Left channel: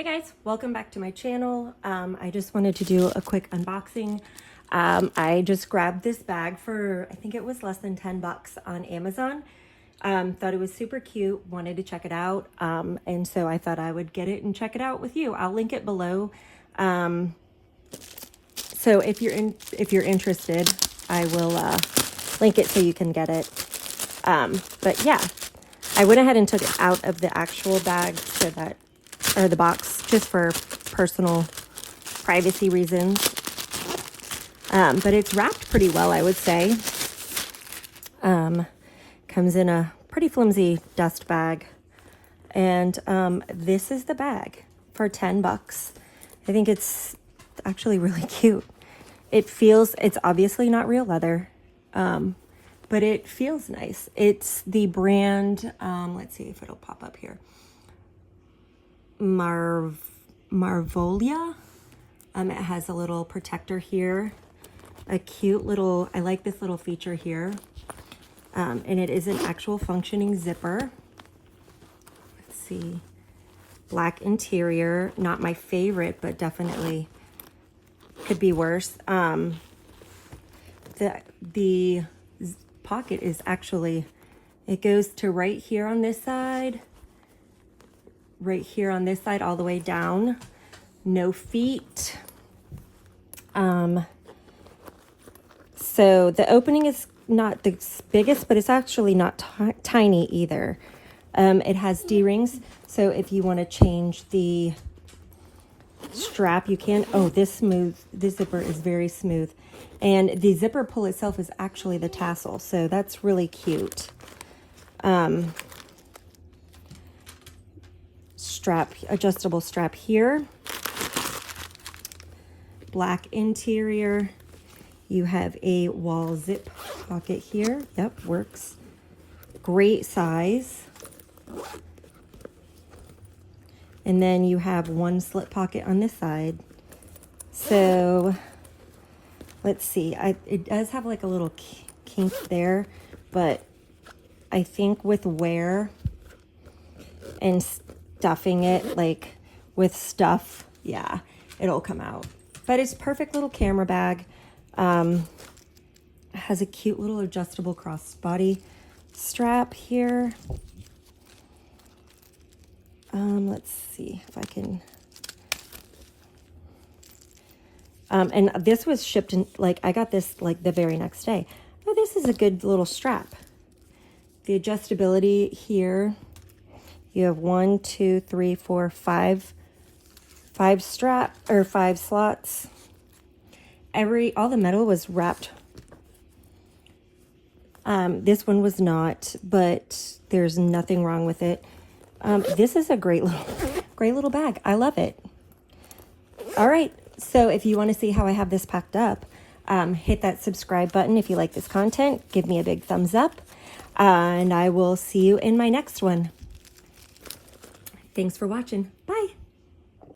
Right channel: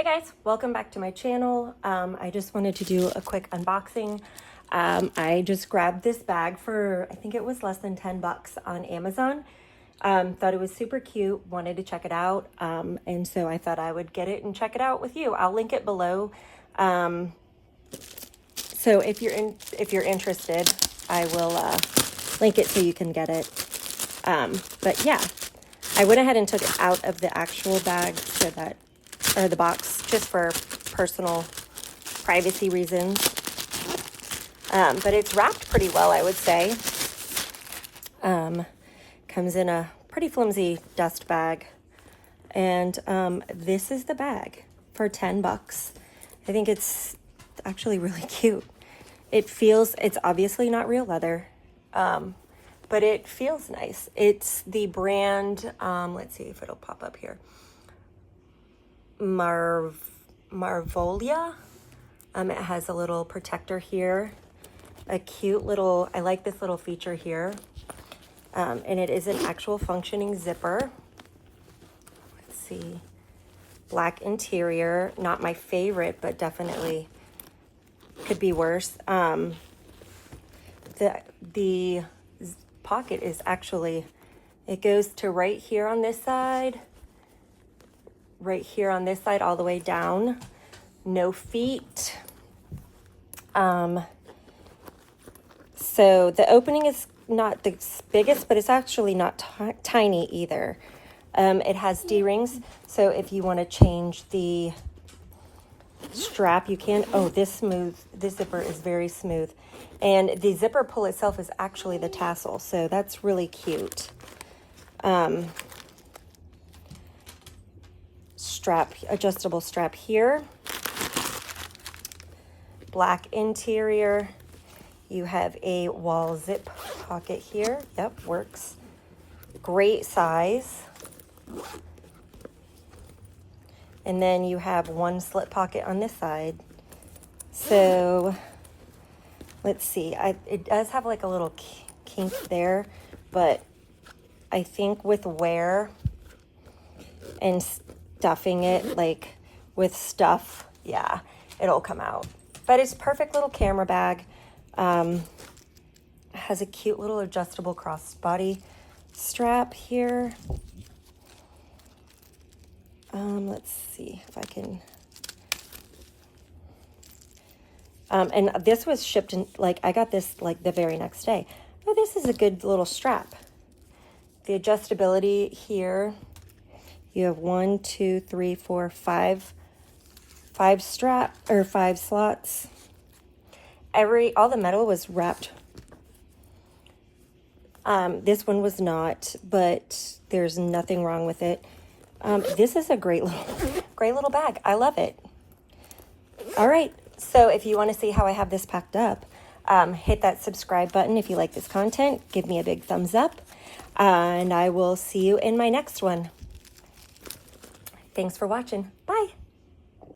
Hey guys, welcome back to my channel. I just wanted to do a quick unboxing. I just grabbed this bag for, I think it was less than 10 bucks on Amazon. Thought it was super cute, wanted to check it out. And so I thought I would get it and check it out with you. I'll link it below. So if you're interested, I will link it so you can get it. But yeah, I went ahead and took it out of the actual bag so that, or the box, just for personal privacy reasons. But it's wrapped pretty well, I would say. Comes in a pretty flimsy dust bag. And this is the bag for 10 bucks. I think it's actually really cute. It's obviously not real leather, but it feels nice. It's the brand, let's see if it'll pop up here. Marvolia. It has a little protector here, a cute little, I like this little feature here. And it is an actual functioning zipper. Let's see, black interior, not my favorite, but definitely could be worse. The pocket is actually, it goes to right here on this side, right here on this side, all the way down. No feet. So the opening is not the biggest, but it's actually not tiny either. It has D-rings, so if you want to change the strap, you can. Oh, this zipper is very smooth. And the zipper pull itself is actually the tassel, so that's really cute. Adjustable strap here. Black interior. You have a wall zip pocket here. Yep, works. Great size. And then you have one slip pocket on this side. So let's see. It does have like a little kink there, but I think with wear and stuffing it like with stuff, yeah, it'll come out. But it's perfect little camera bag. Has a cute little adjustable crossbody strap here. Let's see if I can. And this was shipped in, like, I got this like the very next day. Oh, this is a good little strap. The adjustability here. You have 1, 2, 3, 4, 5 slots. All the metal was wrapped. This one was not, but there's nothing wrong with it. This is a great little bag. I love it. All right. So if you want to see how I have this packed up, hit that subscribe button. If you like this content, give me a big thumbs up, and I will see you in my next one. Thanks for watching. Bye.